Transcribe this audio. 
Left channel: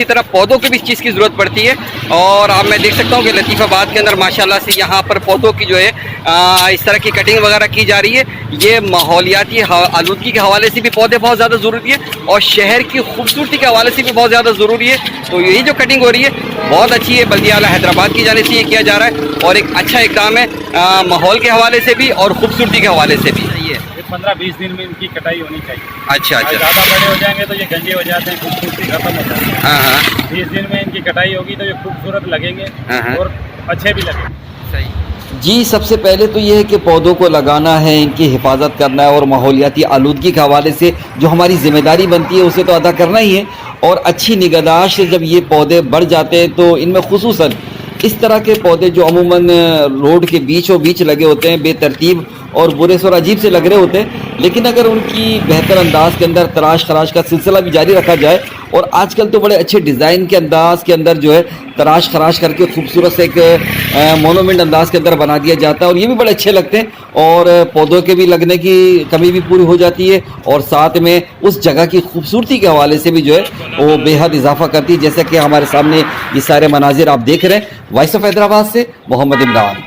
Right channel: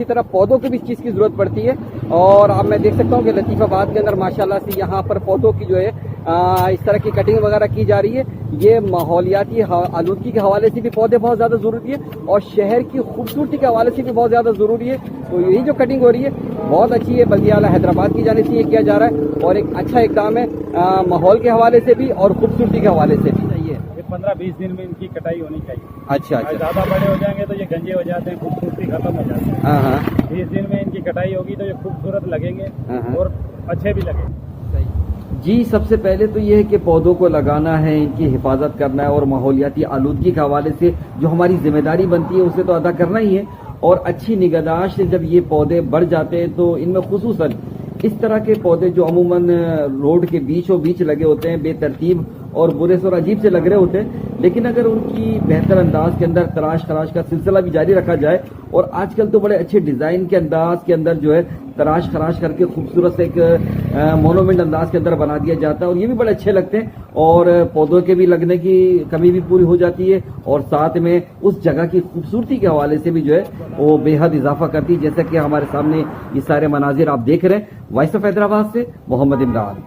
इसी तरह पौधों की भी इस चीज़ की ज़रूरत पड़ती है। और अब मैं देख सकता हूँ कि लतीफ़ाबाद के अंदर माशाल्लाह से यहाँ पर पौधों की जो है इस तरह की कटिंग वगैरह की जा रही है। ये माहौलियाती आलूदगी के हवाले से भी पौधे बहुत ज़्यादा ज़रूरी है और शहर की खूबसूरती के हवाले से भी बहुत ज़्यादा ज़रूरी है। तो यही जो कटिंग हो रही है बहुत अच्छी है, बल्दिया आला हैदराबाद की जाने से ये किया जा रहा है और एक अच्छा इक़दाम है माहौल के हवाले से भी और ख़ूबसूरती के हवाले से भी। सही है, 15-20 दिन में इनकी कटाई होनी चाहिए। अच्छा अच्छा, ज़्यादा बड़े हो जाएंगे तो ये गंजे हो जाते हैं, खूबसूरती खत्म हो जाती है। हाँ हाँ 20 दिन में इनकी कटाई होगी तो ये खूबसूरत लगेंगे हाँ। और अच्छे भी लगेंगे। सही जी, सबसे पहले तो ये है कि पौधों को लगाना है, इनकी हिफाजत करना है और माहौलियाती आलूदगी के हवाले से जो हमारी ज़िम्मेदारी बनती है उसे तो अदा करना ही है। और अच्छी निगहदाश्त से जब ये पौधे बढ़ जाते हैं तो इनमें खुसूसन इस तरह के पौधे जो अमूमन रोड के बीचों बीच लगे होते हैं, बेतरतीब और बुरे और अजीब से लग रहे होते हैं, लेकिन अगर उनकी बेहतर अंदाज के अंदर तराश खराश का सिलसिला भी जारी रखा जाए और आजकल तो बड़े अच्छे डिज़ाइन के अंदाज के अंदर जो है तराश खराश करके खूबसूरत से एक मोनूमेंट अंदाज के अंदर बना दिया जाता है और ये भी बड़े अच्छे लगते हैं और पौधों के भी लगने की कमी भी पूरी हो जाती है और साथ में उस जगह की खूबसूरती के हवाले से भी जो है वो बेहद इजाफा करती है। जैसे कि हमारे सामने ये सारे मनाजिर आप देख रहे हैं। वॉइस ऑफ हैदराबाद से मोहम्मद इमरान।